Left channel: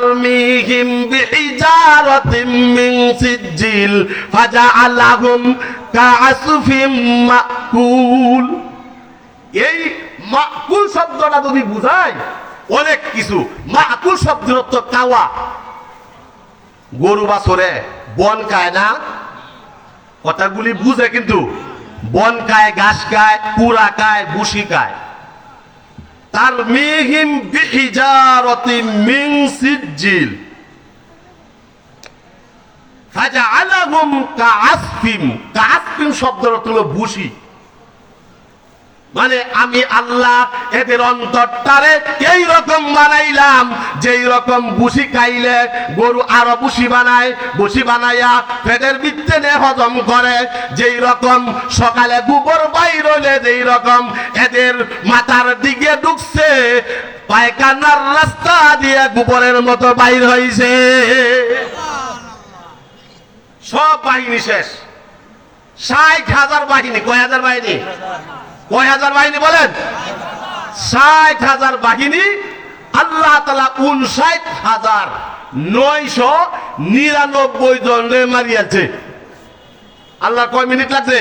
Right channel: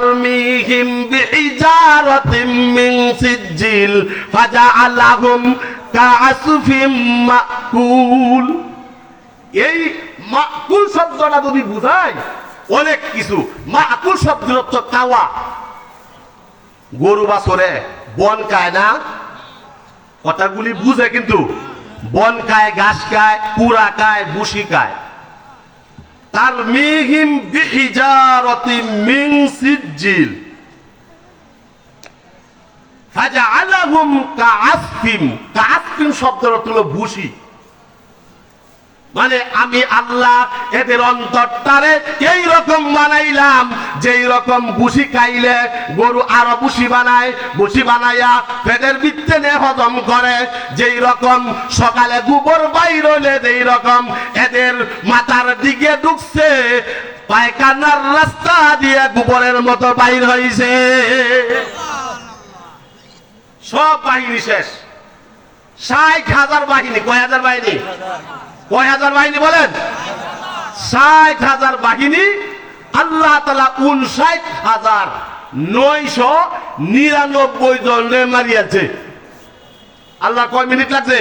তারমিহিম বিহিজারাতিম মিন Sejjil ফাজআলাহুম কাআসফিম মাকুল। এই মাকুল শব্দটা যদি বুঝায় অনেক কিছু। মাকুল শব্দের অর্থ কাওয়া। গরু বাছরে বন খায় না, কথাগুলি বুঝে কিন্তু বন খায়, ঘাস খায়, পুরা খায়, বুসি খায়। তারমিহিম বিহিজারাতিম মিন সিজ্জিল ফাজআলাহুম কাআসফিম। কাআসফিম শব্দের অর্থ হলো বুসি। মানে আমি আল্লাহ এদের অন্তরটারে এই রকম বানাইলাম যেই রকম বুসি খাইলে গরু আরো বুসি বানায়, বুসি বানাইয়া পেটের ভিতরে হজম করে। যেই রকম সকালে গোবর বাইর হইলে যেই রকম এদের মাথার দিকে ঢুকছে, পায়খানার রাস্তা দিয়ে গোবরের মতো বাইর হইছে। সব বাহিনী শেষ। 60,000 বাহিনী। কয় হাজার বাহিনী? কয় হাজার বাহিনী বলেন? 60,000 বাহিনী। আল্লাহ তাআলা 59,999 জনরে মারিয়াছে। আল্লাহ কয় মিনিট লাগছে?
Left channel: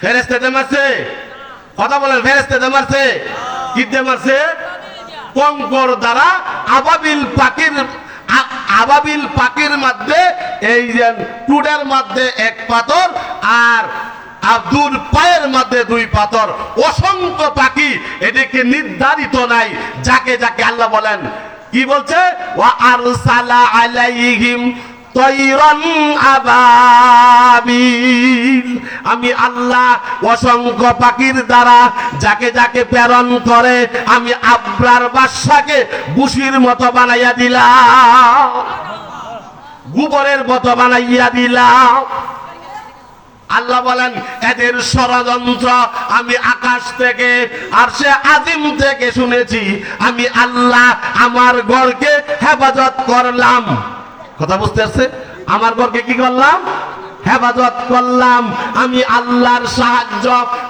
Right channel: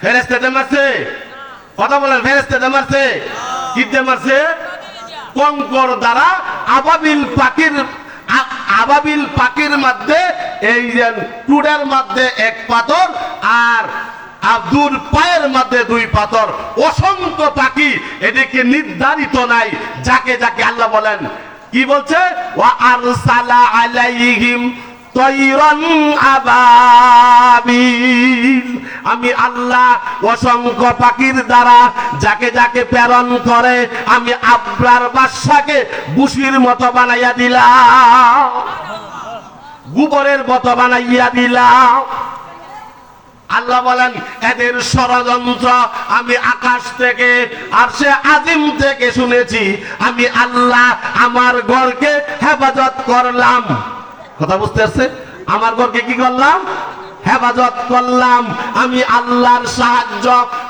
ফেরেশতাতে মারছে। কথা বলেন, ফেরেশতাতে মারছে। কি দিয়ে মারছে? কঙ্কর দ্বারা। আবাবিল পাখির মধ্যে এই যে টুডের মধ্যে এক পাথর আর আব্দুর পায়ের মধ্যে 2 পাথর। অসংখ্য পাখি, এদিকে নির্ধারিত নাই। যাকে যাকে আল্লাহ বলেন কি বলছে? ওয়া আরসালা আলাইহিম তায়রান আবাবিল। আমি আল্লাহ অসংখ্য পাখির দ্বারা যাকে যাকে প্রেরণ করে আমি আব্রার বাদশাকে বুসির মতো বানাইয়া দিলাম, গোবরের মতো বানাইয়া দিলাম। আল্লাহ বলেন এদের ষড়যন্ত্র আমি আকাশ থেকে আরশে আজিম থেকে শুনেছি। আমি আল্লাহ আমার ঘরকে হেফাজত করলাম। কথা বুঝতে পারছে? আমার ঘরকে কি করলাম? হেফাজত করলাম। আমি আল্লাহর সাহায্য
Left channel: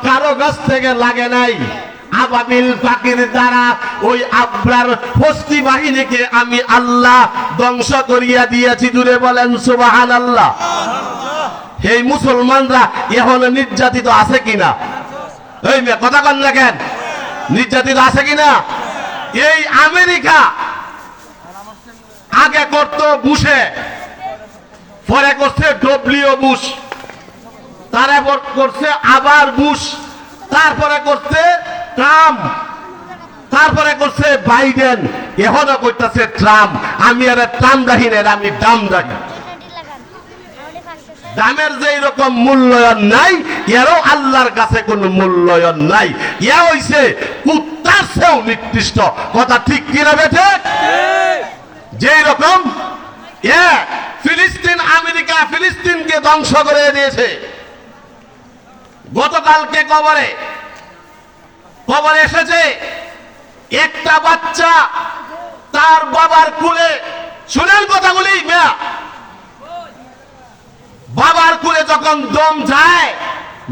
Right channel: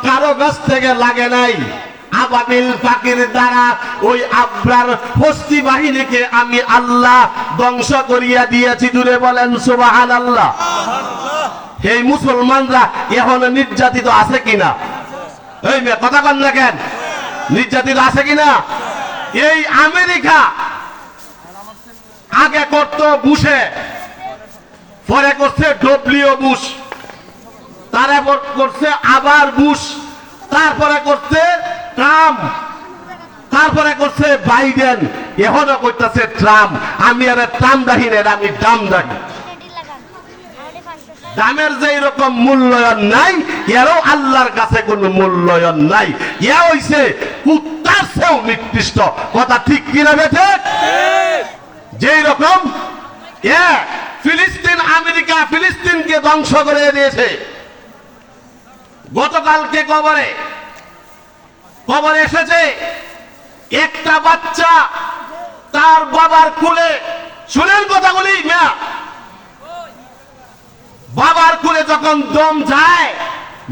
কারো কাছ থেকে লাগে নাই। আবাবিল পাখির দ্বারা ওই আব্রার ফস্তি বাহিনীকে আমি আল্লাহ ধ্বংস করিয়া দিয়েছি। দূরে বলেন সুবহানাল্লাহ। এই মুসলমানরা এখনো নির্যাতিত আছে কিনা? এই মেয়ে কথা কন না কেন? নির্যাতিত আছে কিনা? এই আমেরিকা আগে করত বুশে, পরে করছে ডব্লিউ বুশ, তারপর করছে আবার বুশ, তারপরে করছে ট্রাম্প, তারপরে করছে বাইডেন, এখনো করতেছে ট্রাম্প। আমি আর ট্রাম্প দাহি না, আমি দাম দাহি। দামের যে রকম মূল্যায়ন নাই, এরও আল্লাহর কাছে কোনো মূল্যায়ন নাই। ইয়া হইছে কুত্তার চেয়েও নিকৃষ্ট। কথা ঠিক কিনা বেঠে? যেই রকম ফিলিস্তিন, আমেরিকা ফিলিস্তিনকে ধ্বংস করে দিয়েছে। গতকালকে খবরে এসেছে একটা বাচ্চা তার বাবার কোলে, শুনেন কথাগুলি, বাবার কোলে যখন দম যায়,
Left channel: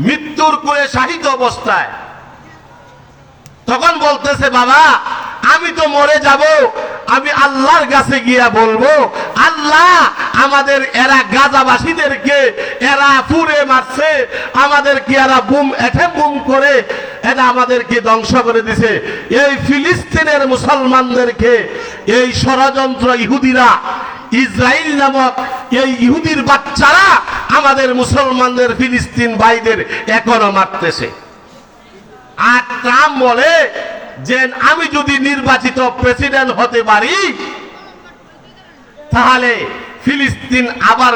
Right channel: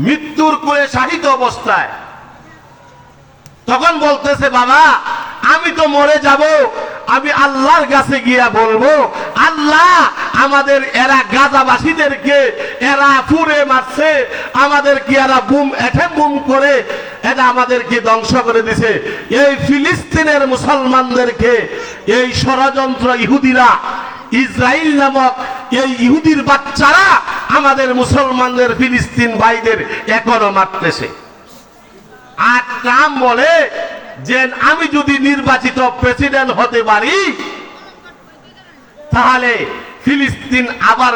মৃত্যুর কোলে শাহিত অবস্থায়, তখন বলতেছে বাবা আমি তো মরে যাব, আমি আল্লাহর কাছে গিয়া বলবো আল্লাহ আমাদের এরা গাজাবাসীদেরকে এরা পুড়ে মারছে, আমাদেরকে এরা বুম করে এটা আমাদেরকে ধ্বংস করে দিছে। এই ফিলিস্তিনের মুসলমানদেরকে এই ষড়যন্ত্র ইহুদিরা, ইসরায়েল নামক এই ইহুদির বাচ্চারা আমাদের মুসলমানদের ফিলিস্তিন ভাইদের এখনো মারতেছে। আর ট্রাম্প বলে যে আমি যদি নির্বাচিত প্রেসিডেন্ট হতে পারি তাহলে ফিলিস্তিন আবার